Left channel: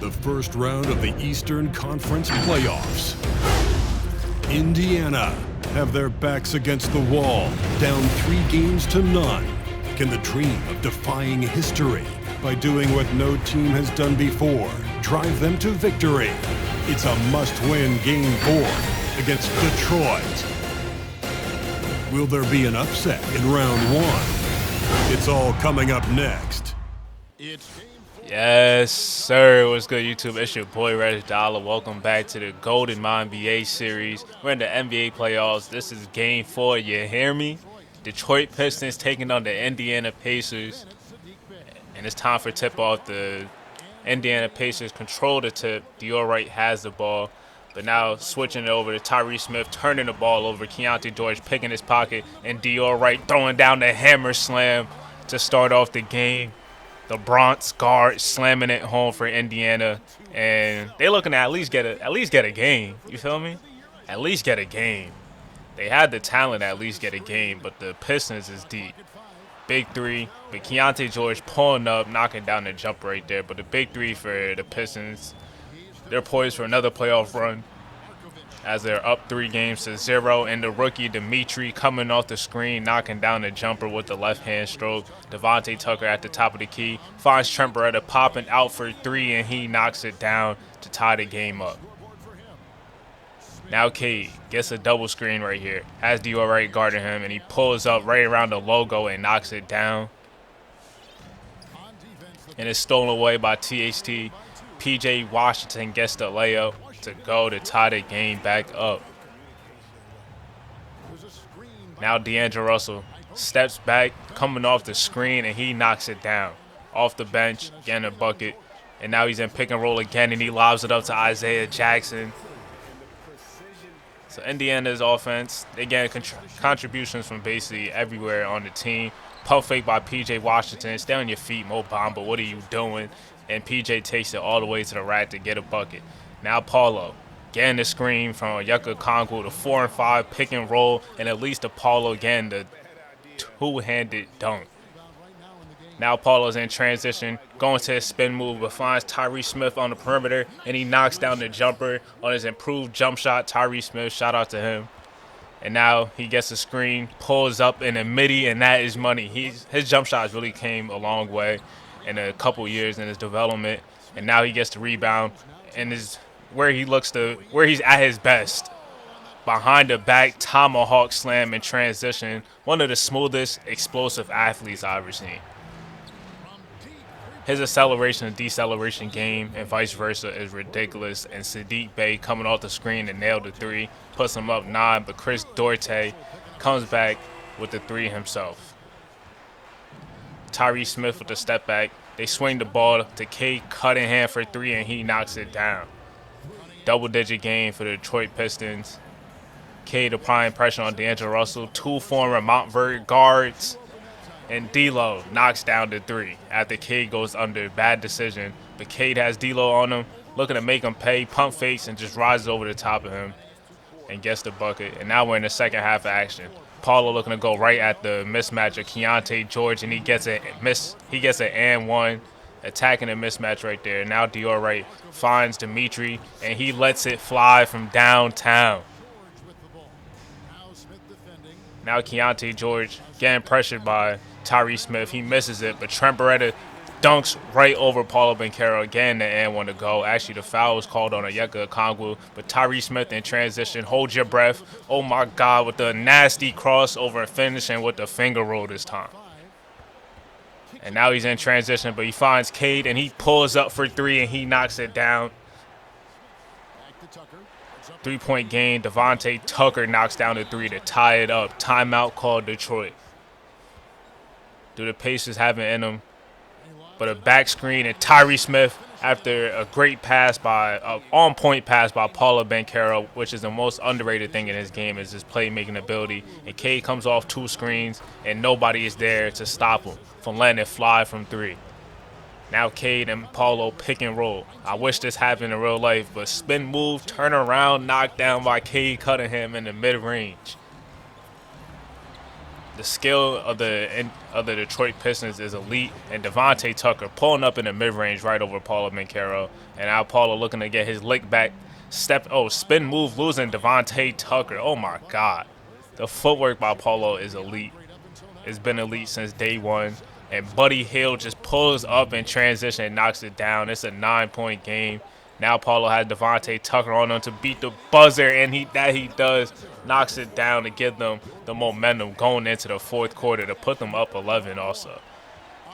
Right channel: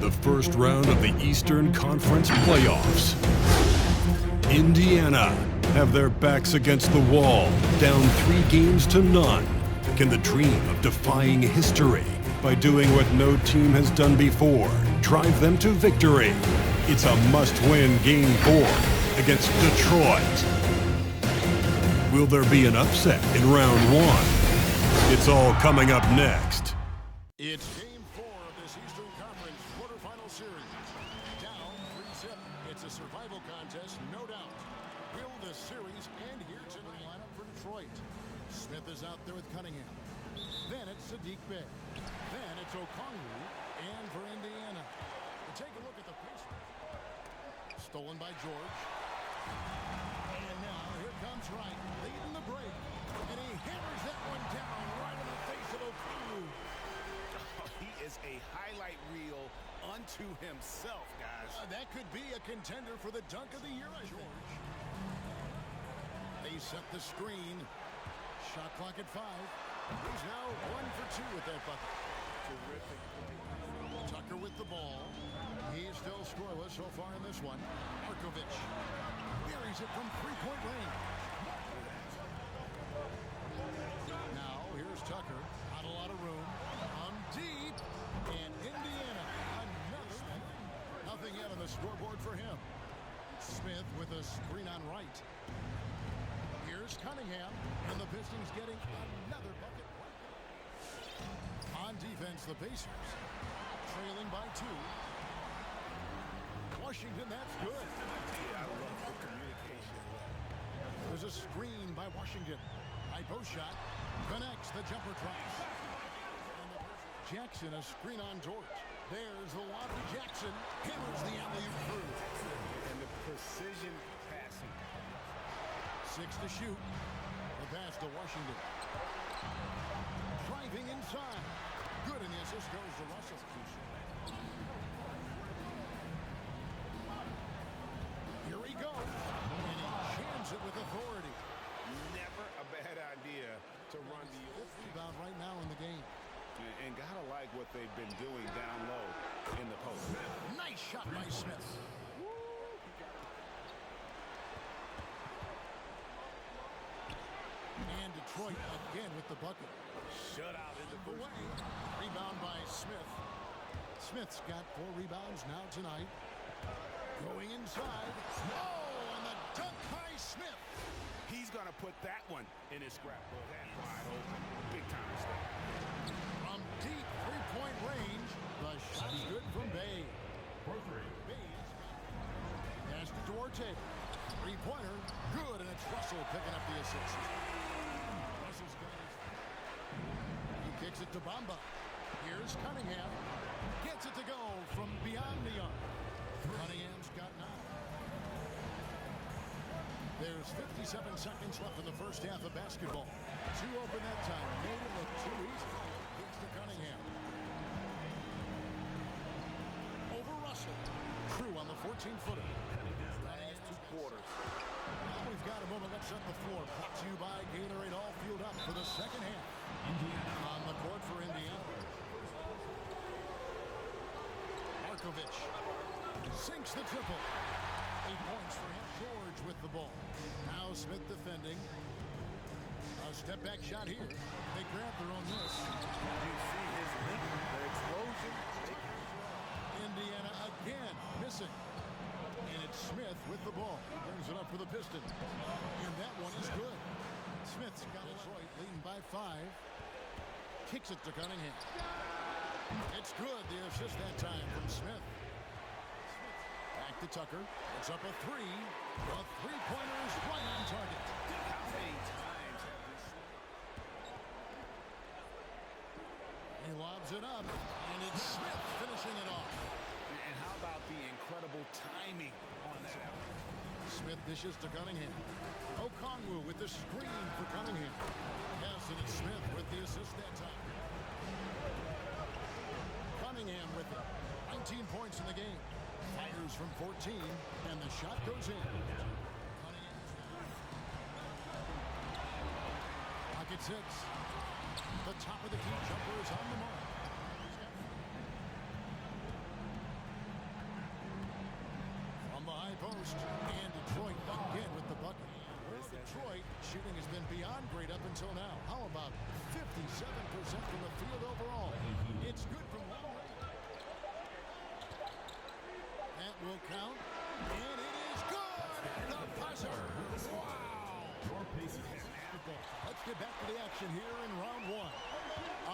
the first round of the Eastern Conference playoffs. Indiana have their backs against the wall, down 3-0. Can the dream of defying history by doing what no team has done before drive them to victory? It's a must-win Game 4 against Detroit. Will there be an upset in round 1? It's all coming up next. Yes, sir. What's good, YouTube? It's your boy, RegDolla. Welcome back to the GOATED MYNBA series. We're in the NBA playoffs. This is Game 4. You hear me? Detroit Pistons taking on the Indiana Pacers. And it's time for tip-off. The Indiana Pacers control the tip. Dior Wright has the ball. But now switching it over to Tyrese Smith, turning the ball over. Keontae George picking his pocket. And Dior Wright throwing down the hammer slam to start off the game. The Bronx guard slamming it home for Indiana, and they looking to at least get a game. You feel me? At least get a game. They had the talent to at least get a game, but the Pistons is deep. Big three, but Keontae George pulling up, knocking down the jump right there. But the big three for the Pistons, they're poised for another playoff run as they're up 3-0, and the rookie Dimitri coming off the screen, knocking down the jumper with the left-hand stroke. Devontae Tucker at the top of the key finds Trent Beretta popping out for 3, and he knocks it down to tie the game up. Now Cade gets a double screen right here, has Dior Wright guarding him, and he pulls up right around the logo and knocks it down. And it's stolen away by THT. PJ Washington gets the layup to go to tie the game back up. Now D'Angelo Russell steps back, coming off the screen, and he knocks it down. Off the bench, getting a bucket. And now he's in pick and roll again, and he lobs it up to Isaiah Jackson. So Indiana's offense, they get contributions from basically everywhere on the team. Pump fake by PJ Washington. Stay on your feet, Mo Bamba. What are you doing? And PJ takes it all the way to the rack to get a bucket. Now Paulo getting the screen from Yucca Kongwu, the 4 and 5 pick and roll, and at least Paulo again, the two-handed dunk. Now Paulo's in transition, going to his spin move, but finds Tyrese Smith on the perimeter, and he knocks down the jumper on his improved jump shot. Tyrese Smith, shout out to him. And now he gets a screen, pulls up in the midi, and that is money. His jump shots really came a long way in a couple years in his development, and now he gets the rebound and is where he's at his best. Behind the back tomahawk slam in transition, one of the smoothest, explosive athletes I've ever seen. His acceleration and deceleration game and vice versa is ridiculous, and Sadiq Bey coming off the screen and nailed the 3, puts him up 9, but Chris Duarte comes back with the 3 himself. Tyrese Smith with the step back. They swing the ball to Cade Cunningham for 3, and he knocks it down. Double-digit game for the Detroit Pistons. Cade applying pressure on D'Angelo Russell. 2 former Montverde guards. And D'Lo knocks down the 3 after Cade goes under. Bad decision. But Cade has D'Lo on him, looking to make him pay, pump fakes, and just rises over the top of him and gets the bucket. And now we're in the second half of action. Paulo looking to go right at the mismatch of Keontae George, and he gets an and 1, attacking a mismatch right there. Now Dior Wright finds Dimitri, and he lets it fly from downtown. Now Keontae George getting pressured by Tyrese Smith. He misses it, but Trent Beretta dunks right over Paulo Banchero. Again, the and 1 to go. Actually, the foul was called on Yucca Kongwu, but Tyrese Smith in transition. Hold your breath. Oh, my God, with the nasty crossover and finishing with the finger roll this time. And now he's in transition, but he finds Cade, and he pulls up for 3, and he knocks it down. 3-point game. Devontae Tucker knocks down the 3 to tie it up. Timeout called Detroit. Do the Pacers have it in them? But a back screen, and Tyrese Smith, after a great pass on-point pass by Paulo Banchero, which is the most underrated thing in his game, is his playmaking ability. And Cade comes off 2 screens, and nobody is there to stop him from letting it fly from 3. Now Cade and Paulo pick and roll. I wish this happened in real life, but spin move, turn around, knocked down by Cade Cunningham in the mid-range. The skill of the of the Detroit Pistons is elite, and Devontae Tucker pulling up in the mid-range right over Paulo Banchero. And now Paulo looking to get his lick back. Spin move losing Devontae Tucker. Oh my God. The footwork by Paulo is elite. It's been elite since day one. And Buddy Hield just pulls up in transition and knocks it down. It's a 9-point game. Now Paulo has Devontae Tucker on him to beat the buzzer, and he does. Knocks it down to give them the momentum going into the fourth quarter to put them up 11 also.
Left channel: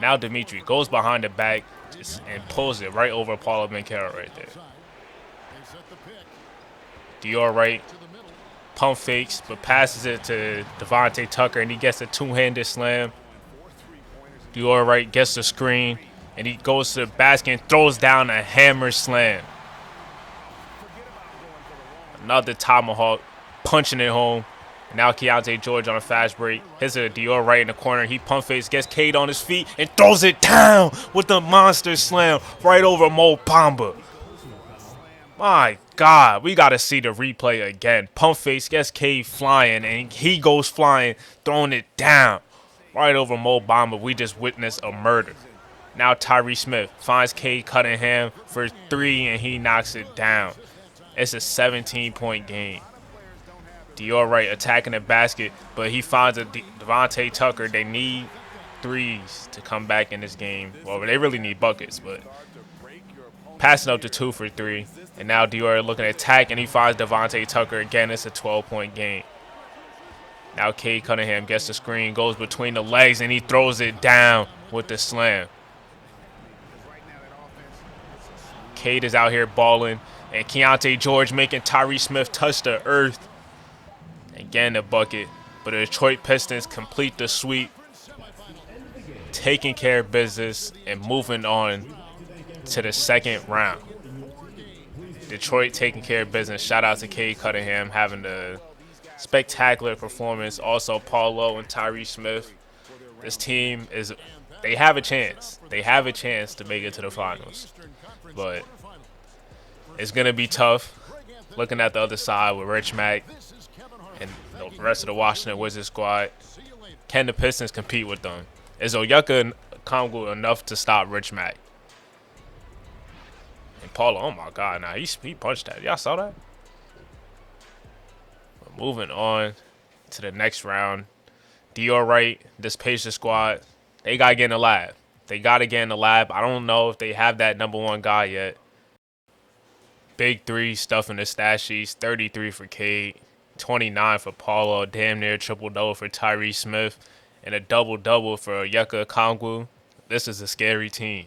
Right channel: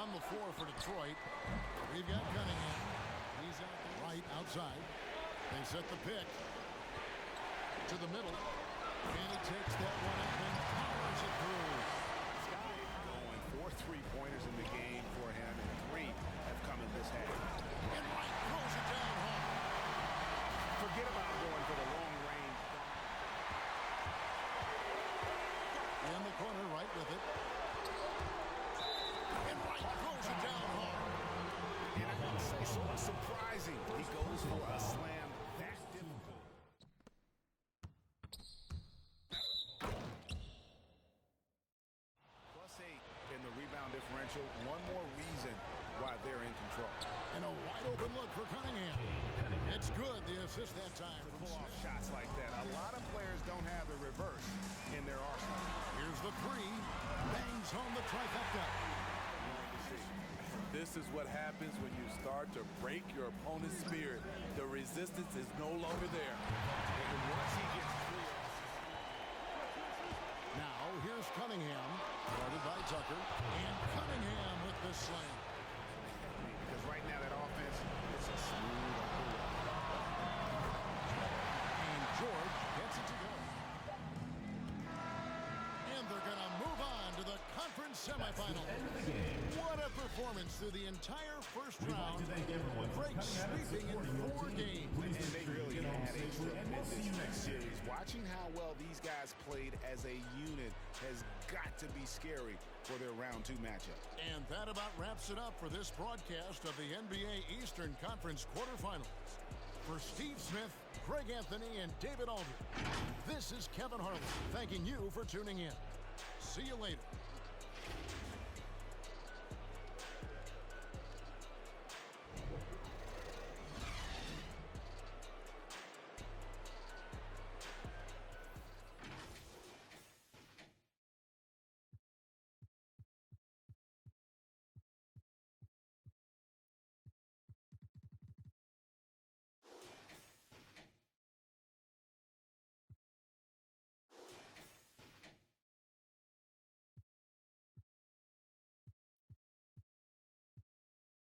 Now Dimitri goes behind the back and pulls it right over Paulo Banchero right there. Dior right, pump fakes, but passes it to Devontae Tucker, and he gets a two-handed slam. Dior right gets the screen, and he goes to the basket and throws down a hammer slam. Another tomahawk, punching it home. Now Keontae George on a fast break. Hits a Dior right in the corner. He pump fakes, gets Cade on his feet, and throws it down with the monster slam right over Mo Bamba. My God, we got to see the replay again. Pump fakes, gets Cade flying, and he goes flying, throwing it down right over Mo Bamba. We just witnessed a murder. Now Tyrese Smith finds Cade Cunningham for three, and he knocks it down. It's a 17-point game. Dior right attacking the basket, but he finds a Devontae Tucker. They need threes to come back in this game. Well, they really need buckets, but passing up to 2 for 3. And now Dior looking to attack, and he finds Devontae Tucker again. It's a 12-point game. Now Cade Cunningham gets the screen, goes between the legs, and he throws it down with the slam. Cade is out here balling, and Keontae George making Tyrese Smith touch the earth. Again, a bucket, but the Detroit Pistons complete the sweep, taking care of business and moving on to the second round. Detroit taking care of business. Shout out to Cade Cunningham having a spectacular performance. Also, Paulo and Tyrese Smith. This team they have a chance. They have a chance to make it to the finals, but it's going to be tough. Looking at the other side with Rich Mack and the rest of the Washington Wizards squad, can the Pistons compete with them? Is Onyeka Okongwu enough to stop Rich Mack? And Paulo, oh my God, nah, he punched that. Y'all saw that? But moving on to the next round, Dior Wright, this Pacers squad, they got to get in the lab. They got to get in the lab. I don't know if they have that number one guy yet. Big three stuff in the stat sheets, 33 for Cade, 29 for Paulo, damn near triple-double for Tyrese Smith, and a double-double for Onyeka Okongwu. This is a scary team.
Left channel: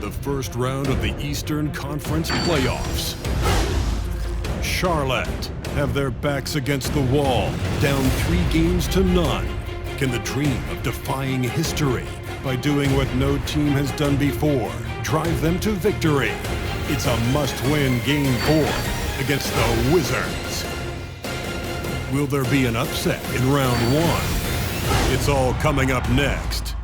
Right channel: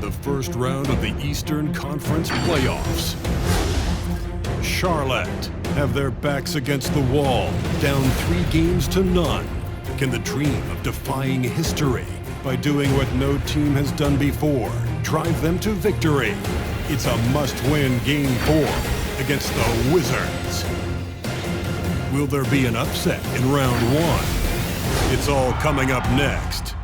The first round of the Eastern Conference playoffs. Charlotte have their backs against the wall, down 3-0. Can the dream of defying history by doing what no team has done before drive them to victory? It's a must-win Game 4 against the Wizards. Will there be an upset in round 1? It's all coming up next.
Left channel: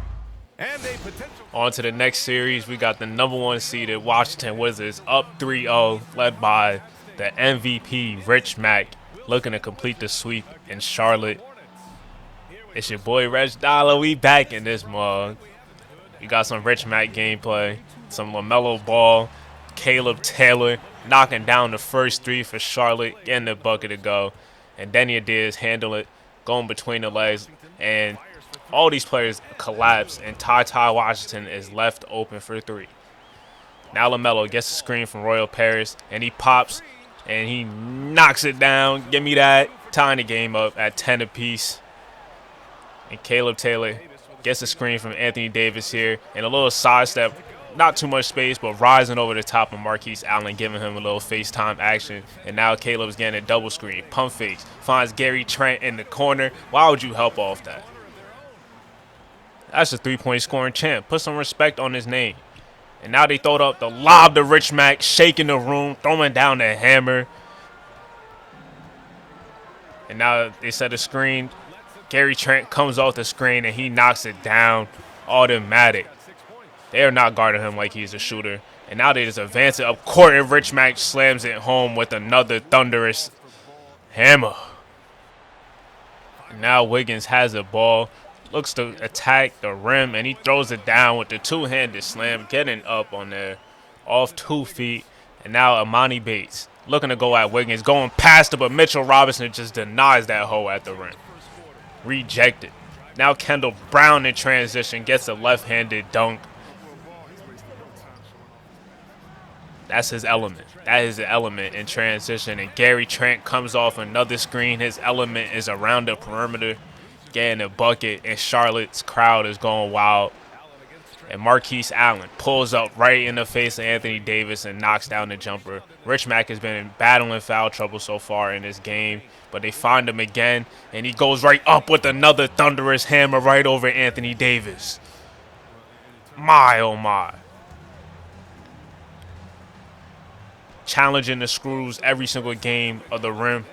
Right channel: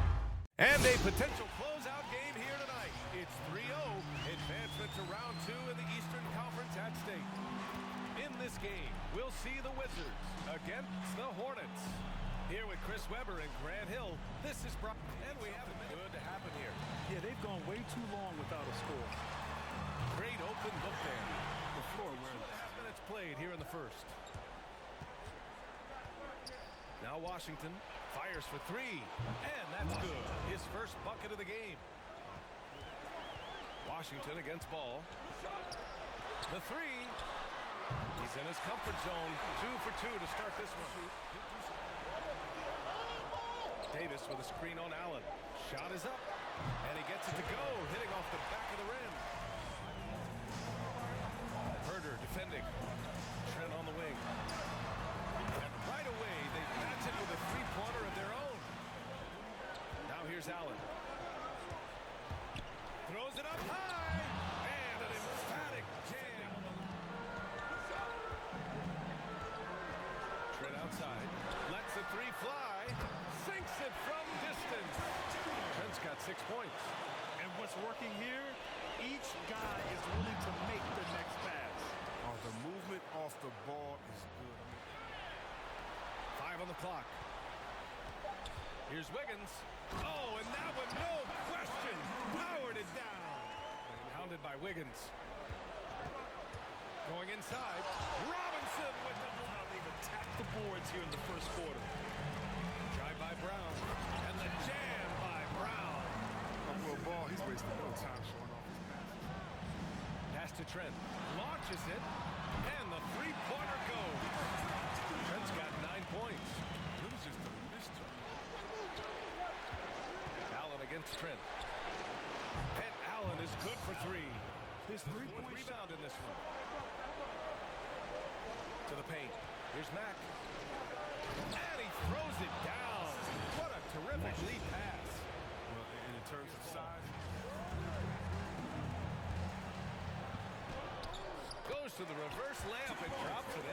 On to the next series, we got the number 1 seeded Washington Wizards up 3-0, led by the MVP Rich Mack, looking to complete the sweep in Charlotte. It's your boy RegDolla. We back in this mug. You got some Rich Mack gameplay, some LaMelo Ball, Caleb Taylor knocking down the first 3 for Charlotte, getting the bucket to go, and Denny Diaz handle it, going between the legs, and all these players collapse, and Ty Washington is left open for 3. Now LaMelo gets a screen from Royal Paris, and he pops, and he knocks it down. Give me that. Tying the game up at 10 apiece. And Caleb Taylor gets a screen from Anthony Davis here, and a little sidestep, not too much space, but rising over the top of Marquise Allen, giving him a little FaceTime action. And now Caleb's getting a double screen, pump fakes, finds Gary Trent in the corner. Why would you help off that? That's a 3-point scoring champ. Put some respect on his name. And now they throw up the lob to Rich Mack, shaking the room, throwing down the hammer. And now they set a screen. Gary Trent comes off the screen, and he knocks it down. Automatic. They are not guarding him like he's a shooter. And now they just advance it up court, and Rich Mack slams it home with another thunderous hammer. Now Wiggins has the ball, looks to attack the rim, and he throws it down with the two-handed slam, getting up on there off 2 feet. And now Amani Bates looking to go at Wiggins, going past it, but Mitchell Robinson just denies that hole at the rim. Rejected. Now Kendall Brown in transition gets a left-handed dunk. That's his element. That is the element in transition. And Gary Trent comes off another screen. His element is around the perimeter, getting a bucket, and Charlotte's crowd is going wild. And Marquise Allen pulls up right in the face of Anthony Davis and knocks down the jumper. Rich Mack has been battling foul trouble so far in this game, but they find him again, and he goes right up with another thunderous hammer right over Anthony Davis. My, oh my. Challenging the screws every single game of the rim,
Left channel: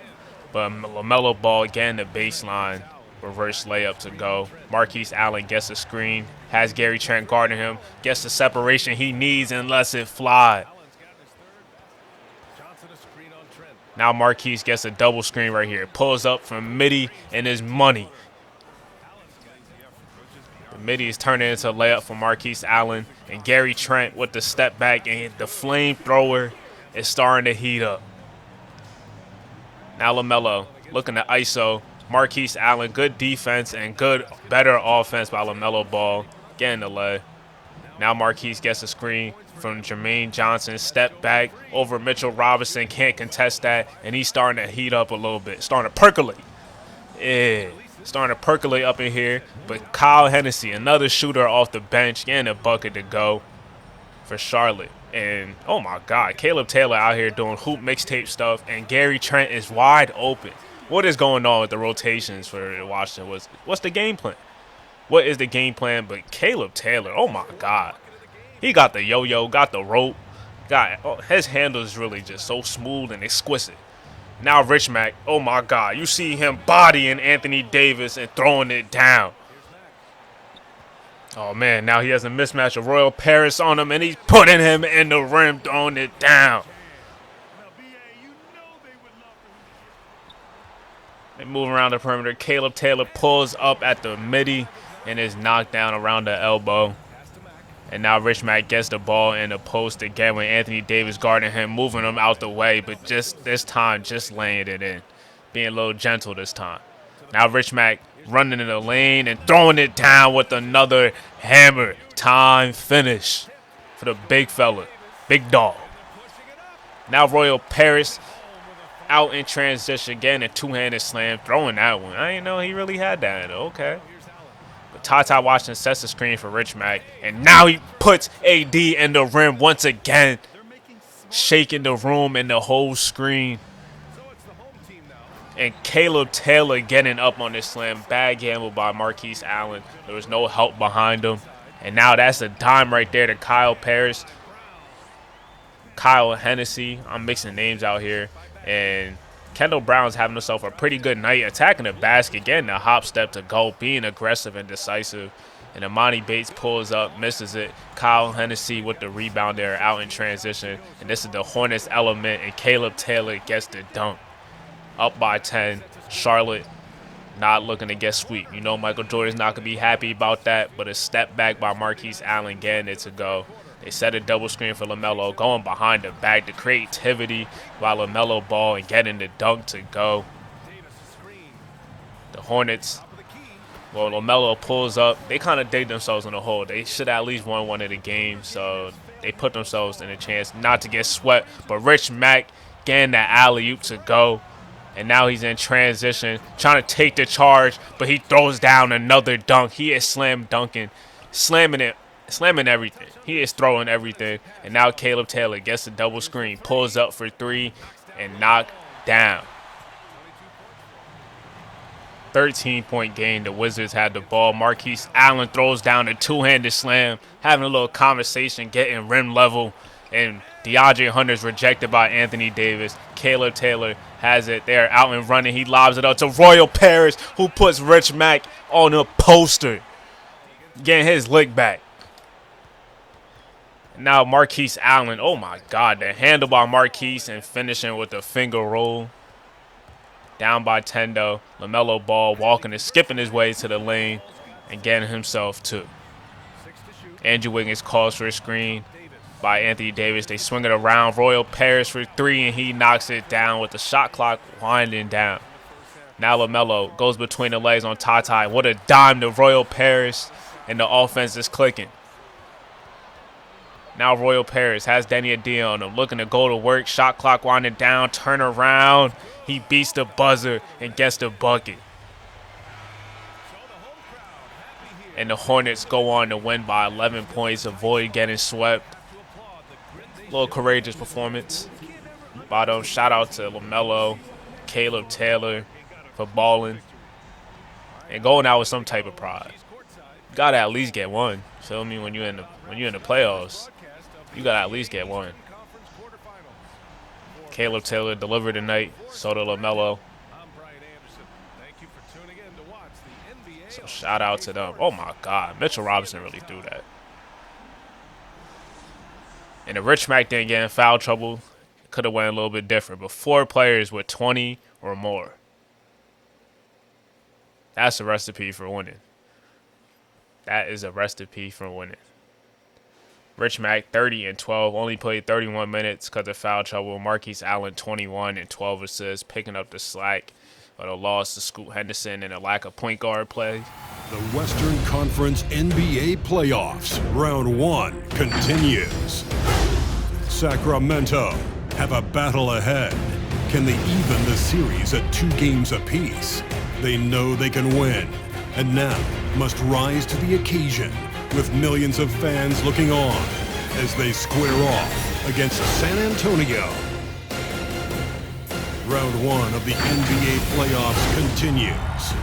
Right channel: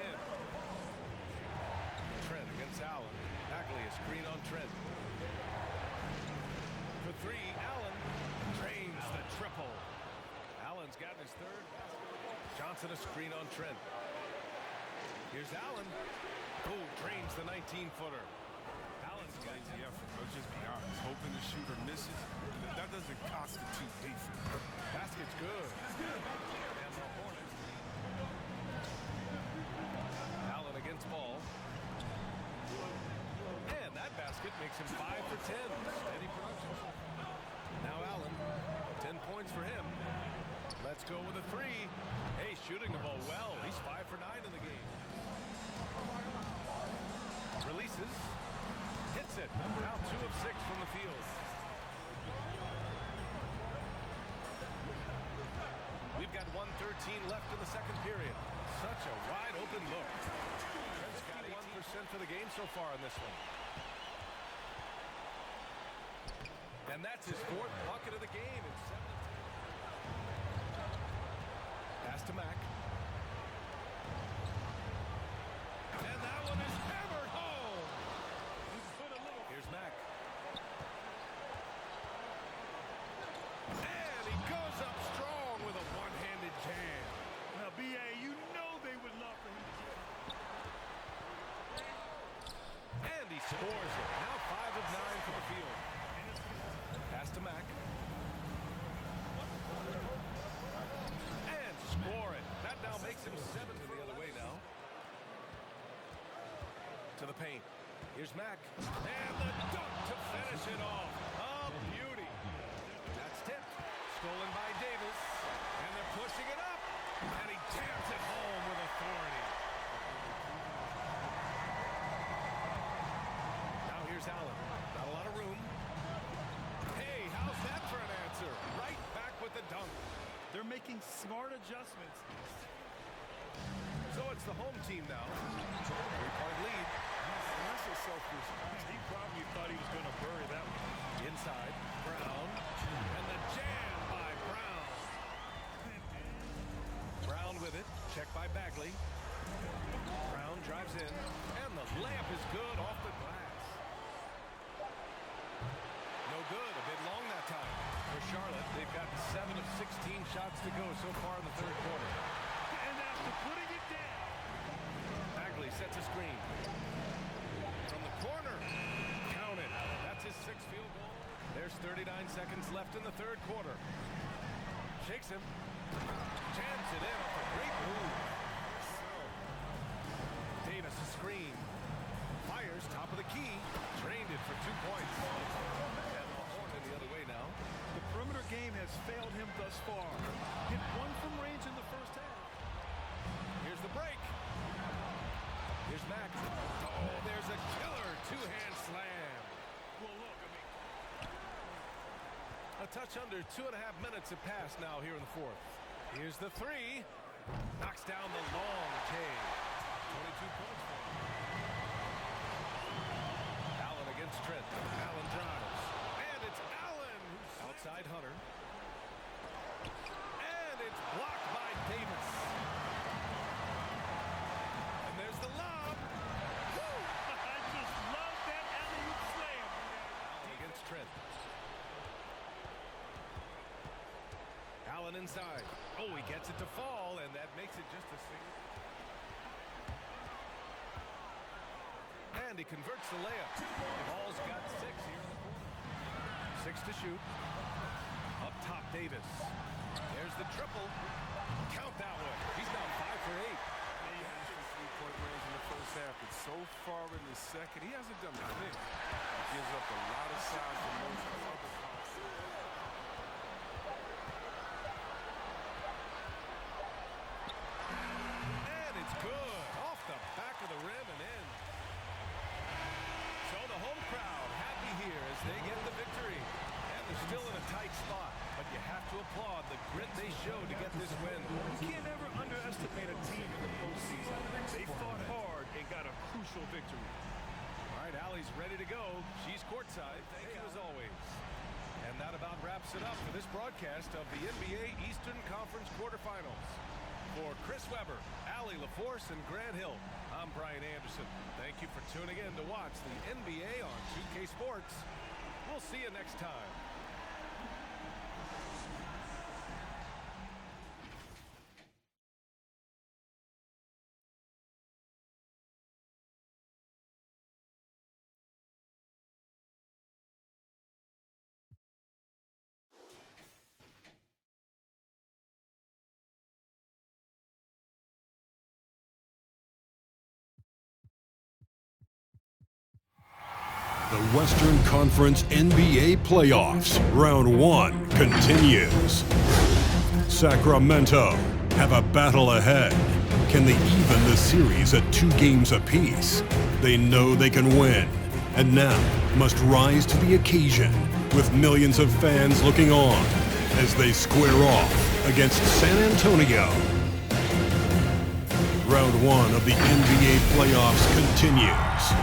but LaMelo Ball again the baseline. Reverse layup to go. Marquise Allen gets a screen, has Gary Trent guarding him, gets the separation he needs and lets it fly. Now Marquise gets a double screen right here. Pulls up from Mitty and his money. Mitty is turning into a layup for Marquise Allen, and Gary Trent with the step back, and the flamethrower is starting to heat up. Now LaMelo looking to ISO. Marquise Allen, good defense and better offense by LaMelo Ball, getting the lay. Now Marquise gets a screen from Jermaine Johnson, step back over Mitchell Robinson, can't contest that, and he's starting to heat up a little bit, starting to percolate. Yeah, starting to percolate up in here, but Kyle Hennessy, another shooter off the bench, getting a bucket to go for Charlotte. And, oh my God, Caleb Taylor out here doing hoop mixtape stuff, and Gary Trent is wide open. What is going on with the rotations for Washington? What's the game plan? What is the game plan? But Caleb Taylor, oh my God. He got the yo-yo, got the rope. His handle is really just so smooth and exquisite. Now Rich Mack, oh my God. You see him bodying Anthony Davis and throwing it down. Oh man, now he has a mismatch of Royal Paris on him, and he's putting him in the rim, throwing it down. They move around the perimeter. Caleb Taylor pulls up at the midi and is knocked down around the elbow. And now Rich Mack gets the ball in the post again with Anthony Davis guarding him, moving him out the way, but just this time, just laying it in. Being a little gentle this time. Now Rich Mack running in the lane and throwing it down with another hammer. Time finish for the big fella, big dog. Now Royal Paris out in transition, getting a two-handed slam, throwing that one. I didn't know he really had that. Okay. But Ty Washington sets the screen for Rich Mack, and now he puts AD in the rim once again, shaking the room and the whole screen. And Caleb Taylor getting up on this slam. Bad gamble by Marquise Allen. There was no help behind him. And now that's a dime right there to Kyle Hennessy. I'm mixing names out here. And Kendall Brown's having himself a pretty good night, attacking the basket, getting a hop step to go, being aggressive and decisive. And Amani Bates pulls up, misses it. Kyle Hennessy with the rebound there, out in transition. And this is the Hornets element, and Caleb Taylor gets the dunk. Up by 10. Charlotte not looking to get swept. You know Michael Jordan's not going to be happy about that, but a step back by Marquise Allen getting it to go. They set a double screen for LaMelo, going behind the back. The creativity by LaMelo Ball and getting the dunk to go. The Hornets, well, LaMelo pulls up. They kind of dig themselves in the hole. They should at least won one of the games, so they put themselves in a chance not to get swept. But Rich Mack getting that alley-oop to go. And now he's in transition, trying to take the charge, but he throws down another dunk. He is slamming everything. He is throwing everything. And now Caleb Taylor gets a double screen, pulls up for three, and knocked down. 13-point game. The Wizards had the ball. Marquise Allen throws down a two-handed slam, having a little conversation, getting rim level. And DeAndre Hunter's rejected by Anthony Davis. Caleb Taylor has it there, out and running. He lobs it up to Royal Paris, who puts Rich Mack on a poster, getting his lick back. Now Marquise Allen, oh my God, the handle by Marquise and finishing with a finger roll. Down by 10 though. LaMelo Ball walking and skipping his way to the lane and getting himself 2. Andrew Wiggins calls for a screen by Anthony Davis. They swing it around. Royal Paris for 3, and he knocks it down with the shot clock winding down. Now LaMelo goes between the legs on Tata. What a dime to Royal Paris, and the offense is clicking. Now Royal Paris has Danny Adie on him, looking to go to work. Shot clock winding down, turn around. He beats the buzzer and gets the bucket. And the Hornets go on to win by 11 points, avoid getting swept. A little courageous performance. Bottom, shout out to LaMelo, Caleb Taylor for balling. And going out with some type of pride. You gotta at least get one. Feel me? When you're in the playoffs, you gotta at least get one. Caleb Taylor delivered tonight. So did LaMelo. So shout out to them. Oh my God, Mitchell Robinson really threw that. And the Rich Mac didn't get in foul trouble. Could have went a little bit different, but 4 players with 20 or more. That's a recipe for winning. That is a recipe for winning. Rich Mac, 30 and 12, only played 31 minutes because of foul trouble. Marquise Allen, 21 and 12 assists, picking up the slack of the loss to Scoot Henderson and a lack of point guard play. The Western Conference NBA playoffs, round 1 continues. Sacramento have a battle ahead. Can they even the series at 2 games apiece? They know they can win, and now must rise to the occasion with millions of fans looking on as they square off against San Antonio. Round 1 of the NBA playoffs continues.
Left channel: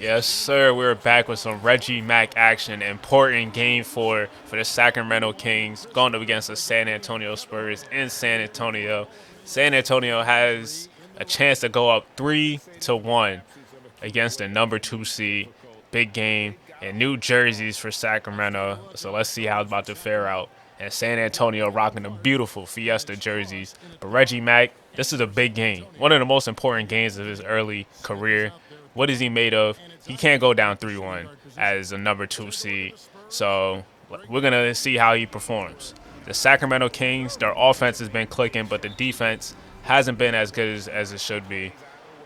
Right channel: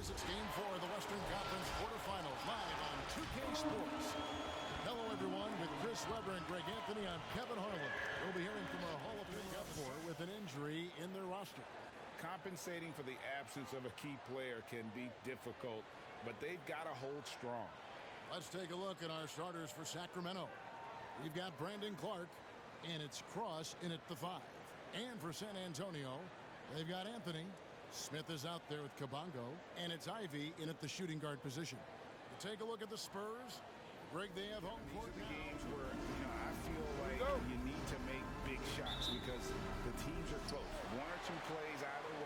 Yes, sir. We're back with some Reggie Mack action. Important game 4 for the Sacramento Kings going up against the San Antonio Spurs in San Antonio. San Antonio has a chance to go up 3-1 against the number 2 seed. Big game, and new jerseys for Sacramento. So let's see how it's about to fare out. And San Antonio rocking the beautiful Fiesta jerseys. But Reggie Mack, this is a big game. One of the most important games of his early career. What is he made of? He can't go down 3-1 as a number 2 seed. So we're going to see how he performs. The Sacramento Kings, their offense has been clicking, but the defense hasn't been as good as it should be.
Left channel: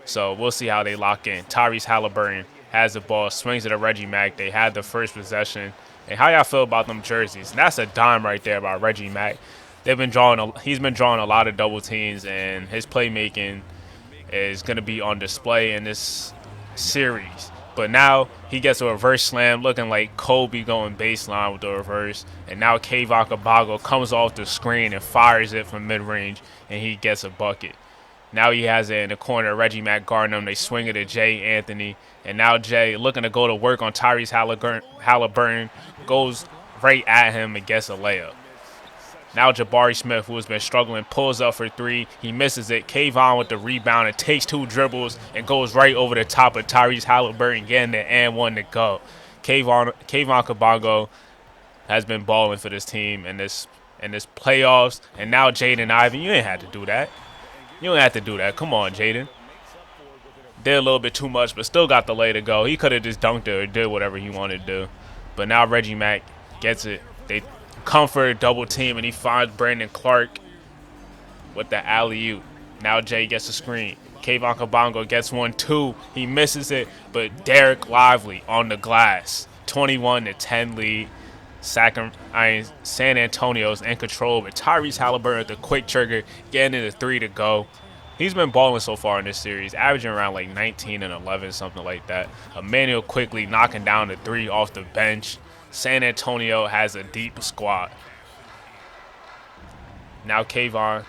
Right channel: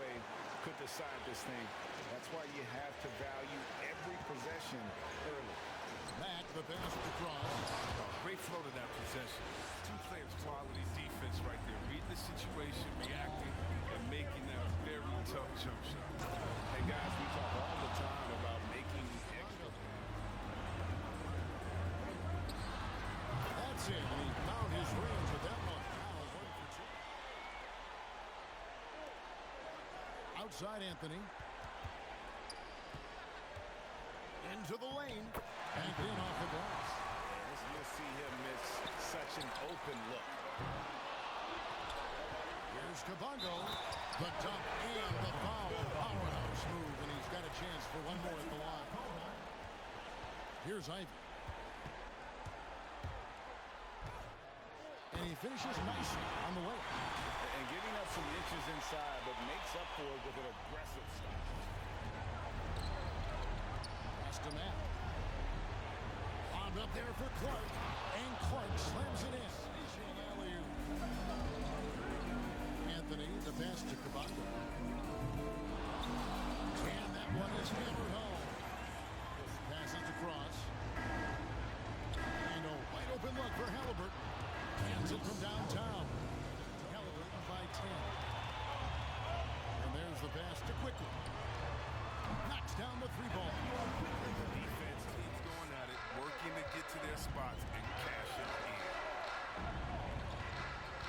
So we'll see how they lock in. Tyrese Halliburton has the ball, swings it to Reggie Mack. They had the first possession. And how y'all feel about them jerseys? And that's a dime right there by Reggie Mack. He's been drawing a lot of double teams, and his playmaking is going to be on display in this series. But now he gets a reverse slam, looking like Kobe going baseline with the reverse. And now Kayvon Kabago comes off the screen and fires it from mid-range, and he gets a bucket. Now he has it in the corner. Reggie Mack guarding him. They swing it to Jay Anthony. And now Jay, looking to go to work on Tyrese Halliburton, goes right at him and gets a layup. Now Jabari Smith, who has been struggling, pulls up for 3. He misses it. Kayvon with the rebound and takes 2 dribbles and goes right over the top of Tyrese Halliburton, getting the and 1 to go. Kayvon Kabango has been balling for this team in this playoffs. And now Jaden Ivey, you ain't had to do that. You don't have to do that. Come on, Jaden. Did a little bit too much, but still got the lay to go. He could have just dunked it or did whatever he wanted to do. But now Reggie Mack gets it. They come for a double team, and he finds Brandon Clark with the alley-oop. Now Jay gets a screen. Kayvon Kabango gets 1-2. He misses it, but Derek Lively on the glass. 21-10 lead. San Antonio's in control, but Tyrese Halliburton with the quick trigger, getting it a 3 to go. He's been balling so far in this series, averaging around like 19 and 11, something like that. Emmanuel quickly knocking down the 3 off the bench. San Antonio has a deep squad. Now Kayvon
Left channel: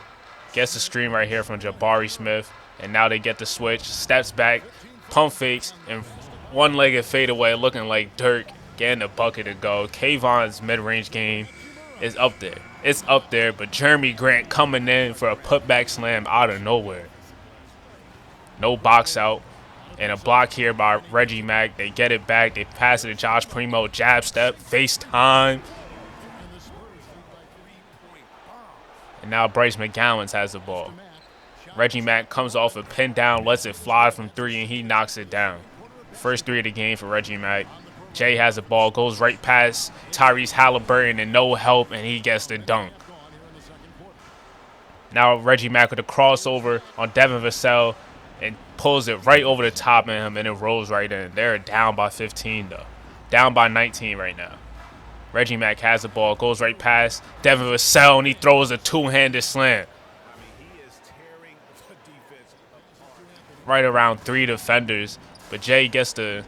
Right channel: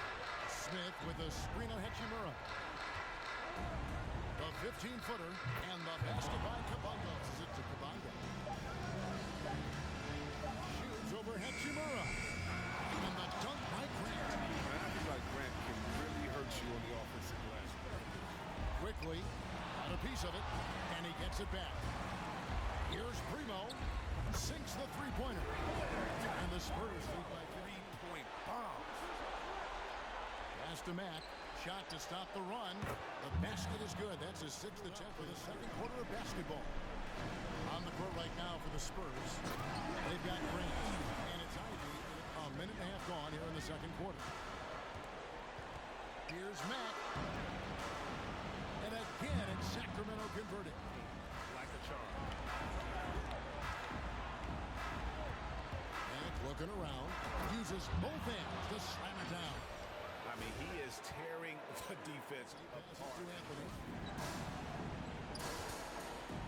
gets the screen right here from Jabari Smith, and now they get the switch, steps back, pump fakes, and one-legged fadeaway looking like Dirk, getting the bucket to go. Kayvon's mid-range game is up there. It's up there, but Jeremy Grant coming in for a putback slam out of nowhere. No box out. And a block here by Reggie Mack. They get it back. They pass it to Josh Primo. Jab step. Face time. And now Bryce McGowan has the ball. Reggie Mack comes off a pin down, lets it fly from three, and he knocks it down. First three of the game for Reggie Mack. Jay has the ball, goes right past Tyrese Halliburton and no help, and he gets the dunk. Now Reggie Mack with a crossover on Devin Vassell and pulls it right over the top of him, and it rolls right in. They're down by 15, though. Down by 19 right now. Reggie Mack has the ball, goes right past Devin Vassell, and he throws a two-handed slam. Right around three defenders, but Jay gets the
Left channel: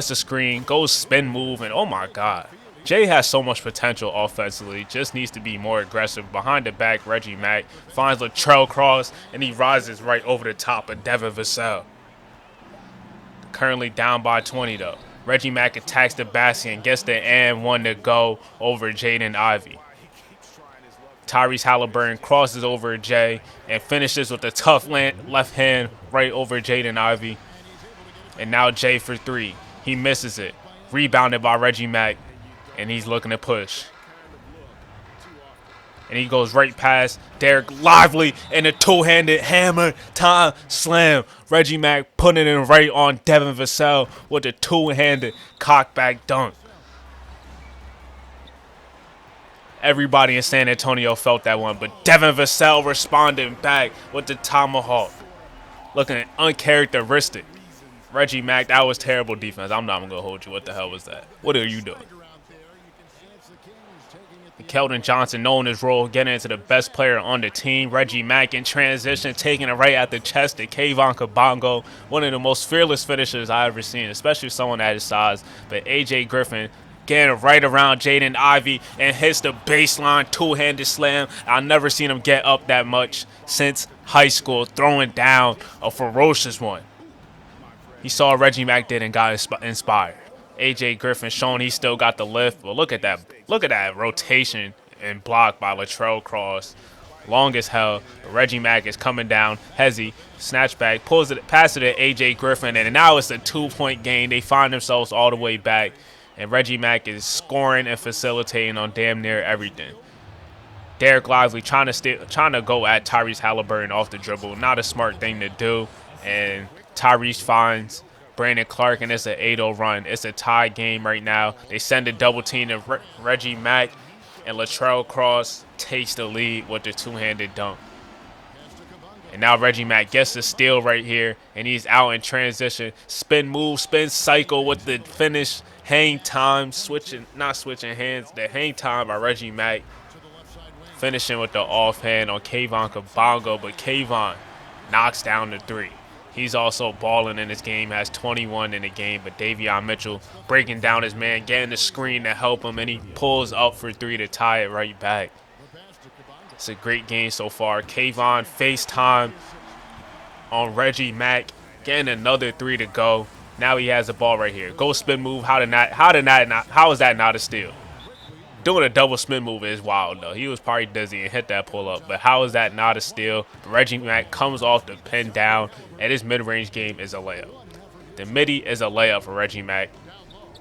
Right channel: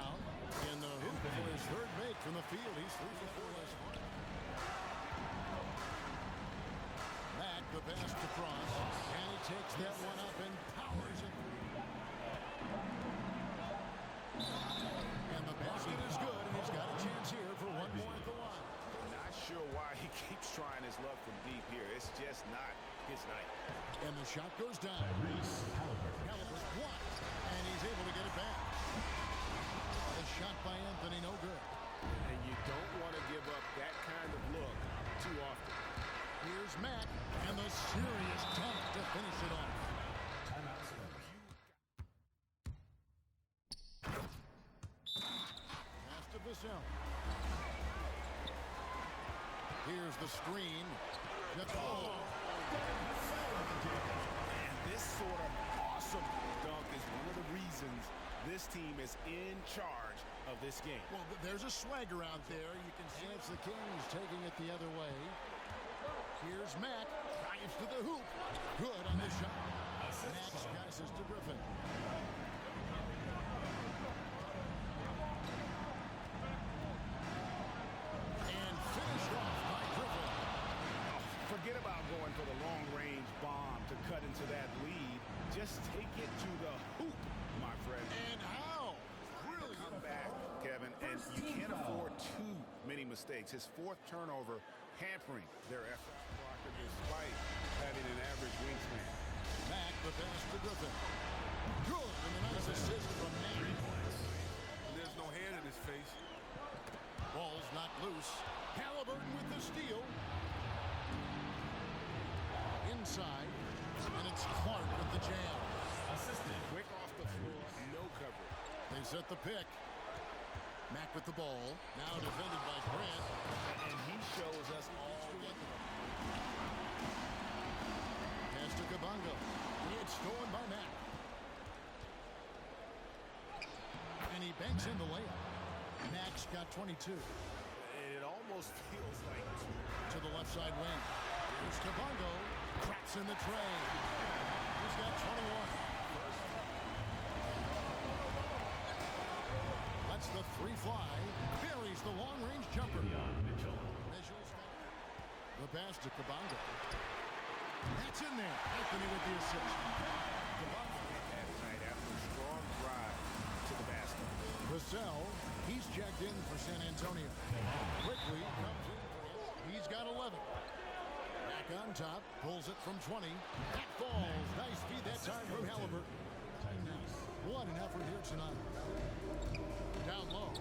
screen, goes spin move, and oh my God. Jay has so much potential offensively, just needs to be more aggressive. Behind the back, Reggie Mack finds Latrell Cross, and he rises right over the top of Devin Vassell. Currently down by 20, though. Reggie Mack attacks the basket and gets the and one to go over Jaden Ivey. Tyrese Halliburton crosses over Jay and finishes with a tough left hand right over Jaden Ivey. And now Jay for three. He misses it. Rebounded by Reggie Mack, and he's looking to push. And he goes right past Derek Lively and a two-handed hammer time slam. Reggie Mack putting it right on Devin Vassell with a two-handed cockback dunk. Everybody in San Antonio felt that one, but Devin Vassell responding back with the tomahawk. Looking uncharacteristic. Reggie Mack, that was terrible defense. I'm not going to hold you. What the hell was that? What are you doing? Keldon Johnson knowing his role, getting into the best player on the team. Reggie Mack in transition, taking it right at the chest to Kayvon Kabongo. One of the most fearless finishers I've ever seen, especially someone at his size. But A.J. Griffin getting right around Jaden Ivey and hits the baseline two-handed slam. I've never seen him get up that much since high school, throwing down a ferocious one. He saw Reggie Mack did and got inspired. A.J. Griffin showing he still got the lift, but look at that rotation and block by Latrell Cross. Long as hell. Reggie Mack is coming down. Hezzy, snatchback, pulls it, passes it to A.J. Griffin, and now it's a 2-point game. They find themselves all the way back, and Reggie Mack is scoring and facilitating on damn near everything. Derek Lively trying to go at Tyrese Halliburton off the dribble. Not a smart thing to do, and Tyrese finds Brandon Clark, and it's an 8-0 run. It's a tie game right now. They send a double team to Reggie Mack, and Latrell Cross takes the lead with the two-handed dunk. And now Reggie Mack gets the steal right here, and he's out in transition. Spin move, spin cycle with the finish. Hang time, not switching hands. The hang time by Reggie Mack. Finishing with the offhand on Kayvon Kabongo, but Kayvon knocks down the three. He's also balling in this game, has 21 in the game, but Davion Mitchell breaking down his man, getting the screen to help him, and he pulls up for three to tie it right back. It's a great game so far. Kayvon FaceTime on Reggie Mack, getting another three to go. Now he has the ball right here. Go spin move. How is that not a steal? Doing a double spin move is wild, though. He was probably dizzy and hit that pull-up, but how is that not a steal? Reggie Mack comes off the pin down, and his mid-range game is a layup. The midi is a layup for Reggie Mack,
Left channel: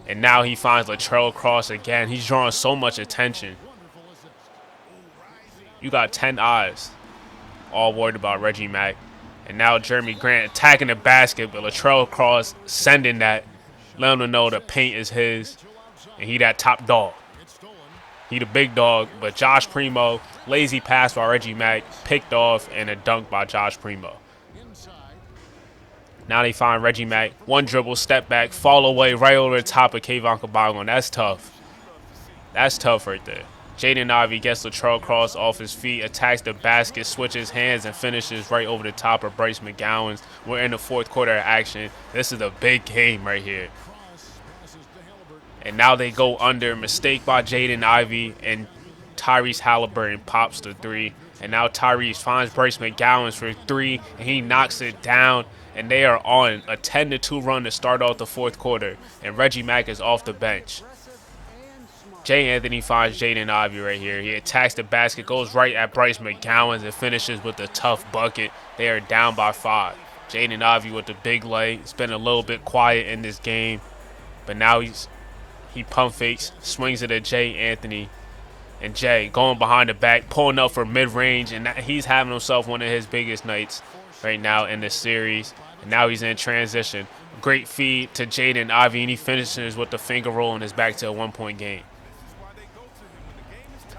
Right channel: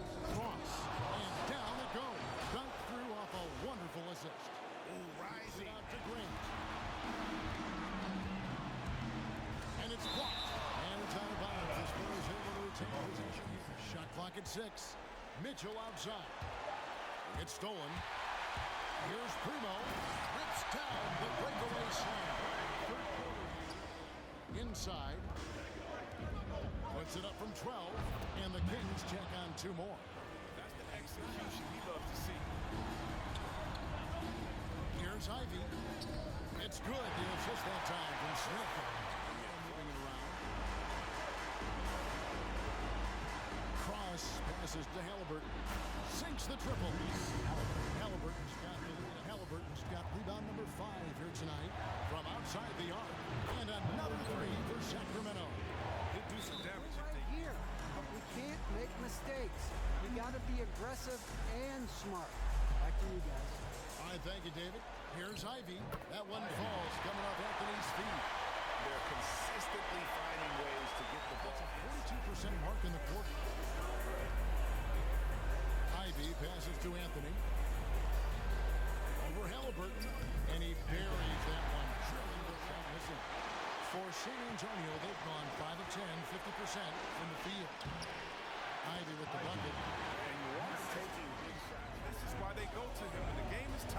and now he finds Latrell Cross again. He's drawing so much attention. You got 10 eyes all worried about Reggie Mack, and now Jeremy Grant attacking the basket, but Latrell Cross sending that, letting him know the paint is his, and he that top dog. He the big dog, but Josh Primo, lazy pass by Reggie Mack, picked off, and a dunk by Josh Primo. Now they find Reggie Mack, one dribble, step back, fall away right over the top of Kayvon Kabongo, and that's tough. That's tough right there. Jaden Ivey gets Latrell Cross off his feet, attacks the basket, switches hands, and finishes right over the top of Bryce McGowan. We're in the fourth quarter of action. This is a big game right here. And now they go under. Mistake by Jaden Ivey, and Tyrese Halliburton pops the three. And now Tyrese finds Bryce McGowan for three, and he knocks it down. And they are on a 10-2 run to start off the fourth quarter. And Reggie Mack is off the bench. Jay Anthony finds Jaden Ivey right here. He attacks the basket, goes right at Bryce McGowan, and finishes with a tough bucket. They are down by 5. Jaden Ivey with the big leg. It's been a little bit quiet in this game, but now he pump fakes, swings it at Jay Anthony, And Jay going behind the back, pulling up for mid-range, and he's having himself one of his biggest nights right now in this series. And now he's in transition. Great feed to Jaden Ivey, and he finishes with the finger roll and is back to a 1-point game.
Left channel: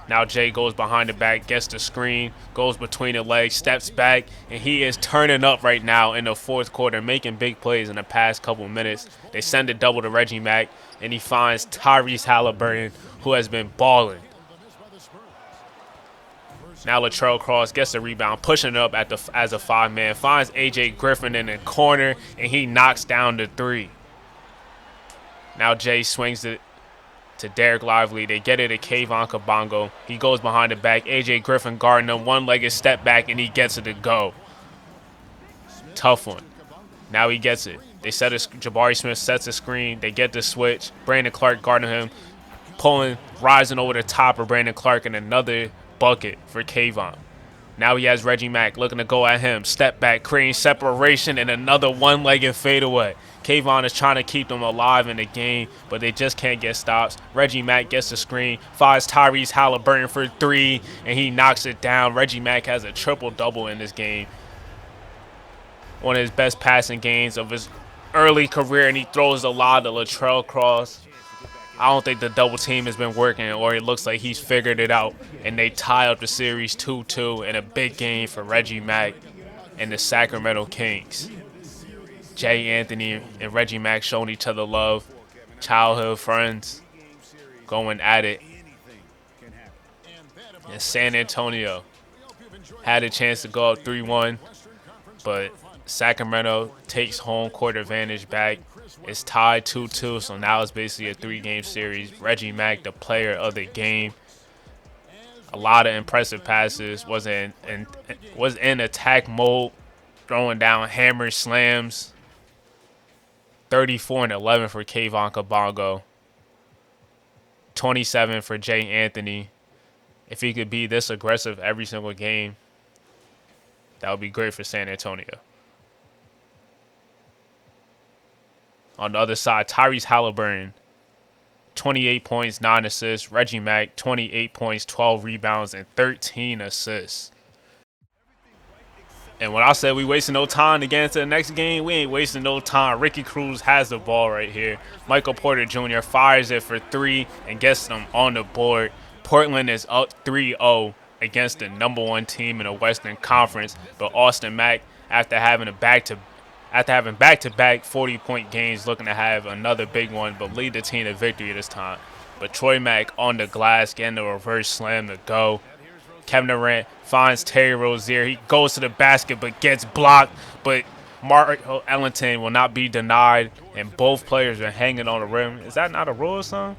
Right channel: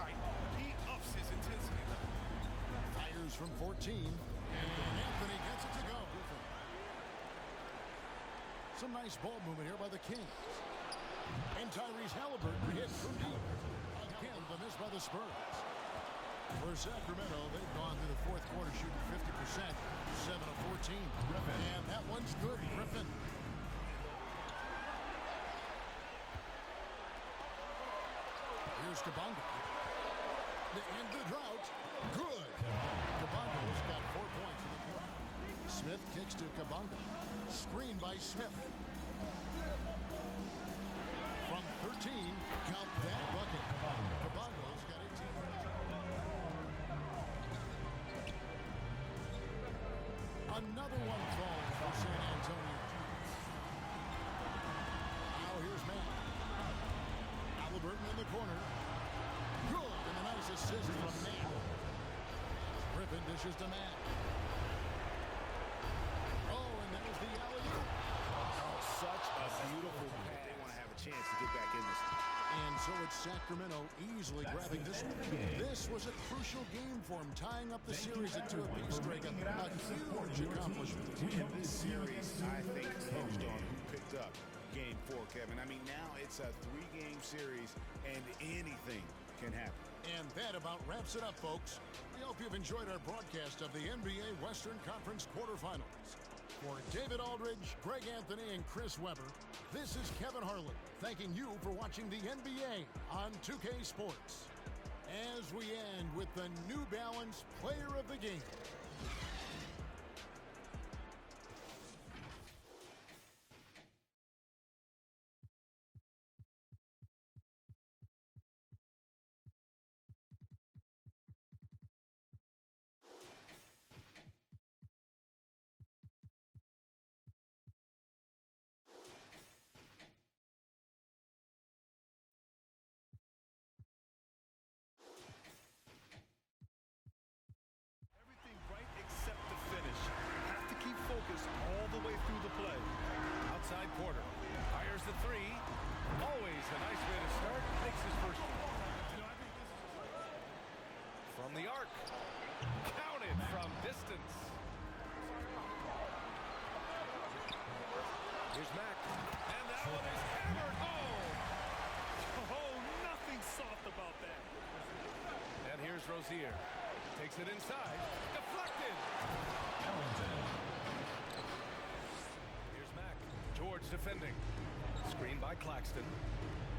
Now Jay goes behind the back, gets the screen, goes between the legs, steps back, and he is turning up right now in the fourth quarter, making big plays in the past couple minutes. They send a double to Reggie Mack, and he finds Tyrese Halliburton, who has been balling. Now Latrell Cross gets the rebound, pushing it up as a 5-man, finds A.J. Griffin in the corner, and he knocks down the 3. Now Jay swings it to Derek Lively. They get it to Kayvon Kabongo. He goes behind the back. A.J. Griffin guarding him, one-legged step back, and he gets it to go. Tough one. Now he gets it. They set Jabari Smith sets a screen. They get the switch. Brandon Clark guarding him, rising over the top of Brandon Clark, and another bucket for Kayvon. Now he has Reggie Mack looking to go at him. Step back, creating separation, and another one-legged fadeaway. Kayvon is trying to keep them alive in the game, but they just can't get stops. Reggie Mack gets the screen, finds Tyrese Halliburton for 3, and he knocks it down. Reggie Mack has a triple-double in this game. One of his best passing games of his early career, and he throws a lot to Latrell Cross. I don't think the double team has been working, or it looks like he's figured it out, and they tie up the series 2-2 in a big game for Reggie Mack and the Sacramento Kings. Jay Anthony and Reggie Mack showing each other love, childhood friends, going at it. And San Antonio had a chance to go up 3-1, but Sacramento takes home court advantage back. It's tied 2-2, so now it's basically a 3-game series. Reggie Mack, the player of the game. A lot of impressive passes, was in attack mode, throwing down hammers, slams. 34 and 11 for Kayvon Kabongo. 27 for Jay Anthony. If he could be this aggressive every single game, that would be great for San Antonio. On the other side, Tyrese Halliburton, 28 points, 9 assists. Reggie Mack, 28 points, 12 rebounds, and 13 assists. And when I said we wasting no time to get into the next game, we ain't wasting no time. Ricky Cruz has the ball right here. Michael Porter Jr. fires it for 3 and gets them on the board. Portland is up 3-0 against the #1 team in the Western Conference. But Austin Mack, after having back-to-back 40-point games, looking to have another big one, but lead the team to victory this time. But Troy Mack on the glass, getting the reverse slam to go. Kevin Durant finds Terry Rozier. He goes to the basket but gets blocked. But Mark Ellington will not be denied, and both players are hanging on the rim. Is that not a rule or something?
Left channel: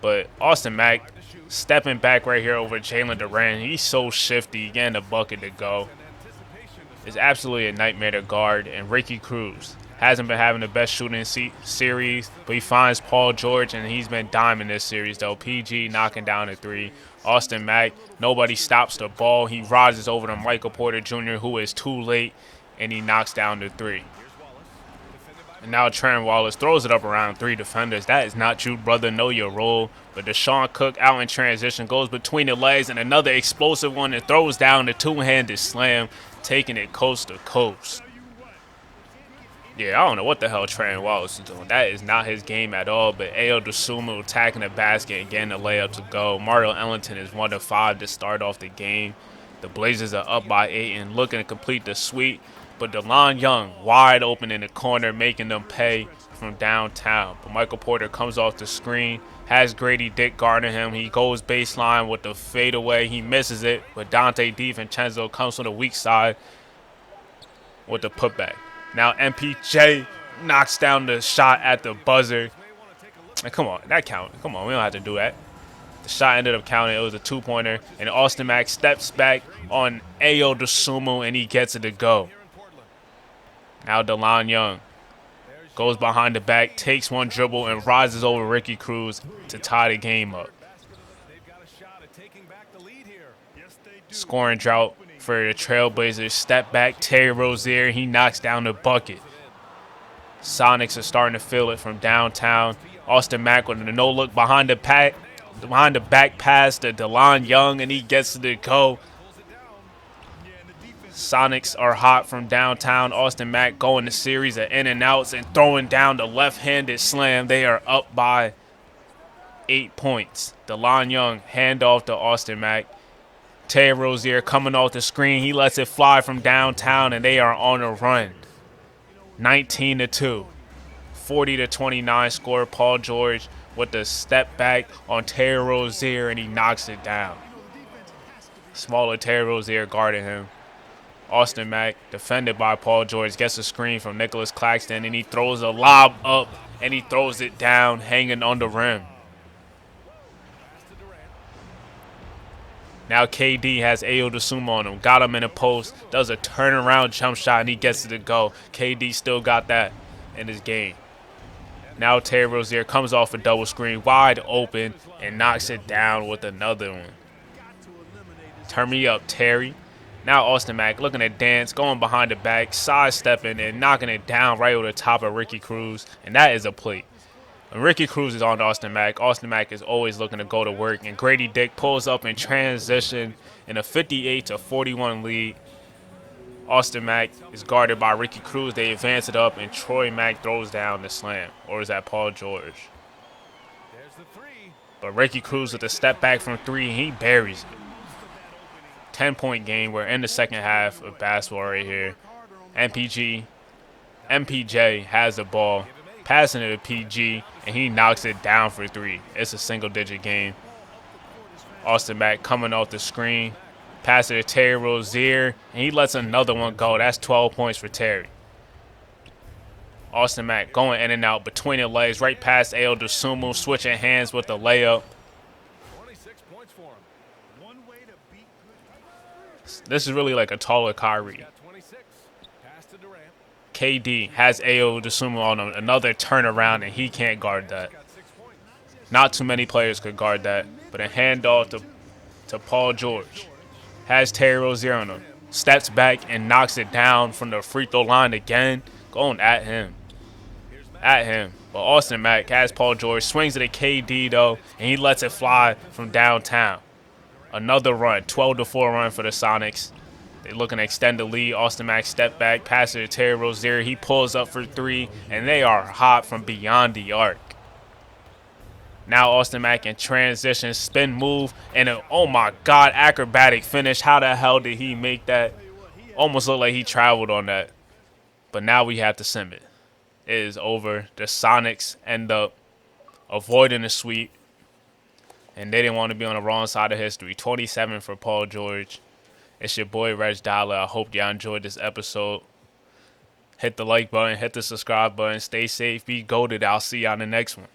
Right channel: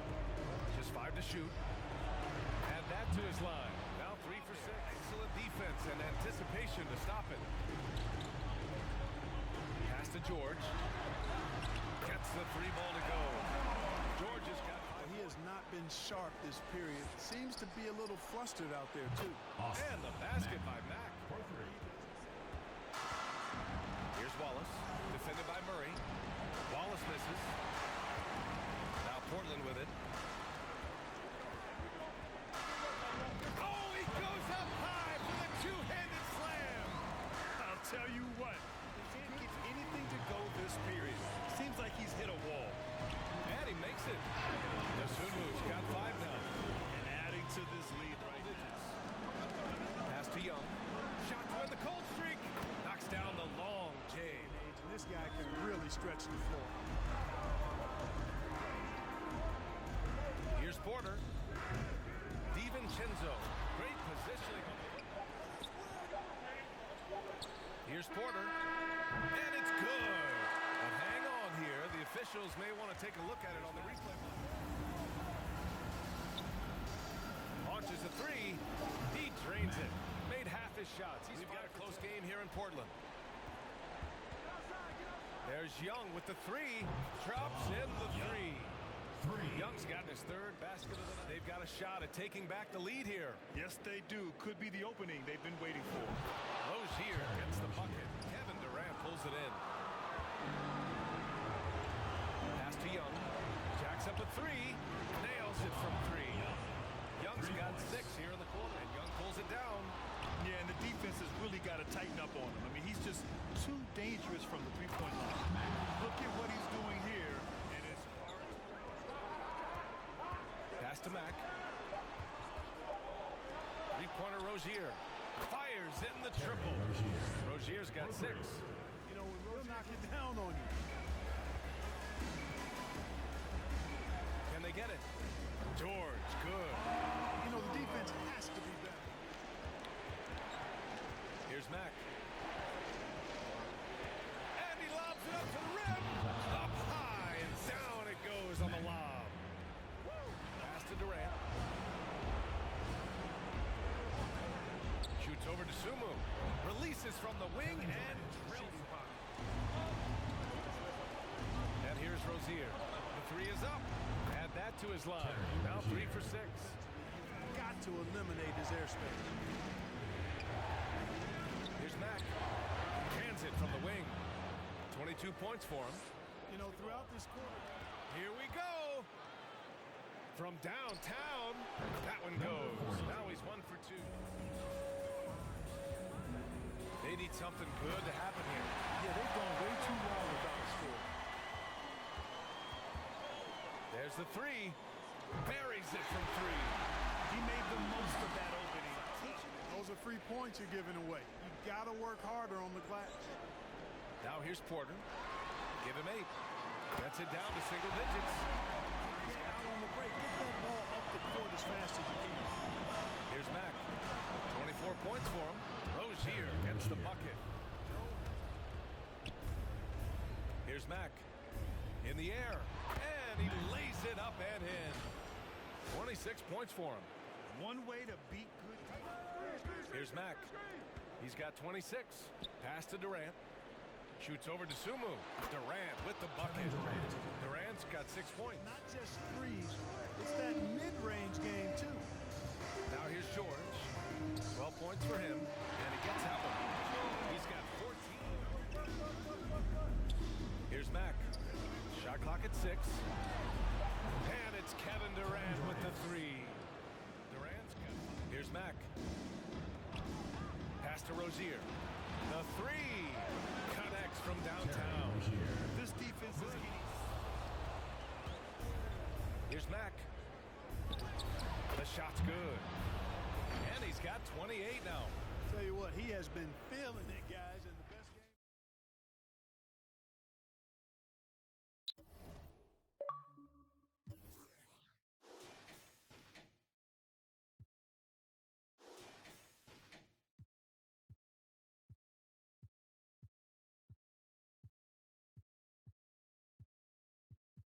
But Austin Mack stepping back right here over Jalen Durant. He's so shifty, getting the bucket to go. It's absolutely a nightmare to guard. And Ricky Cruz hasn't been having the best shooting series, but he finds Paul George, and he's been diming this series, though. PG knocking down a 3. Austin Mack, nobody stops the ball. He rises over to Michael Porter Jr., who is too late, and he knocks down the 3. And now Trent Wallace throws it up around 3 defenders. That is not you, brother. Know your role. But Deshaun Cook out in transition, goes between the legs, and another explosive one, and throws down the two-handed slam, taking it coast to coast. Yeah, I don't know what the hell Trent Wallace is doing. That is not his game at all. But Ayo Dosunmu attacking the basket and getting the layup to go. Mario Ellington is 1 of 5 to start off the game. The Blazers are up by 8 and looking to complete the sweep. But DeLon Young wide open in the corner, making them pay from downtown. But Michael Porter comes off the screen, has Grady Dick guarding him. He goes baseline with the fadeaway. He misses it, but Dante DiVincenzo comes from the weak side with the putback. Now MPJ knocks down the shot at the buzzer. And come on, that counted. Come on, we don't have to do that. The shot ended up counting. It was a 2-pointer. And Austin Mack steps back on Ayo Dosunmu, and he gets it to go. Now DeLon Young goes behind the back, takes one dribble, and rises over Ricky Cruz to tie the game up. Scoring drought for the Trailblazers. Step back, Terry Rozier. He knocks down the bucket. Sonics are starting to feel it from downtown. Austin Mack with a no-look behind the pack. Behind the back pass to DeLon Young, and he gets to the go. Sonics are hot from downtown. Austin Mack going a series of in and outs and throwing down the left-handed slam. They are up by 8 points. DeLon Young handoff to Austin Mack. Terry Rozier coming off the screen. He lets it fly from downtown, and they are on a run. 19-2. 40-29 score. Paul George with the step back on Terry Rozier, and he knocks it down. Smaller Terry Rozier guarding him. Austin Mack, defended by Paul George, gets a screen from Nicholas Claxton, and he throws a lob up, and he throws it down, hanging on the rim. Now KD has Ayo Dosunmu on him, got him in a post, does a turnaround jump shot, and he gets it to go. KD still got that in his game. Now Terry Rozier comes off a double screen, wide open, and knocks it down with another one. Turn me up, Terry. Now Austin Mack looking at dance, going behind the back, sidestepping and knocking it down right over the top of Ricky Cruz, and that is a play. When Ricky Cruz is on Austin Mack is always looking to go to work, and Grady Dick pulls up in transition in a 58-41 lead. Austin Mack is guarded by Ricky Cruz. They advance it up, and Troy Mack throws down the slam. Or is that Paul George? But Ricky Cruz with a step back from three, he buries it. 10-point game. We're in the second half of basketball right here. MPJ has the ball, passing it to PG, and he knocks it down for three. It's a single-digit game. Austin Mack coming off the screen, pass it to Terry Rozier, and he lets another one go. That's 12 points for Terry. Austin Mack going in and out between the legs, right past Ayo Dosunmu, switching hands with the layup. 26 points for him. This is really like a taller Kyrie. KD has Ayo Dosunmu on him, another turnaround, and he can't guard that. Not too many players could guard that, but a handoff to Paul George. Has Terry Rozier on him, steps back and knocks it down from the free throw line again, going at him. But Austin Mack has Paul George, swings it at KD though, and he lets it fly from downtown. Another run, 12-4 run for the Sonics. They're looking to extend the lead. Austin Mack step back, pass it to Terry Rozier. He pulls up for three, and they are hot from beyond the arc. Now Austin Mack in transition, spin move, and oh my God, acrobatic finish. How the hell did he make that? Almost looked like he traveled on that. But now we have to sim it. It is over. The Sonics end up avoiding the sweep, and they didn't want to be on the wrong side of history. 27 for Paul George. It's your boy, RegDolla. I hope y'all enjoyed this episode. Hit the like button, hit the subscribe button. Stay safe, be goated. I'll see y'all in the next one.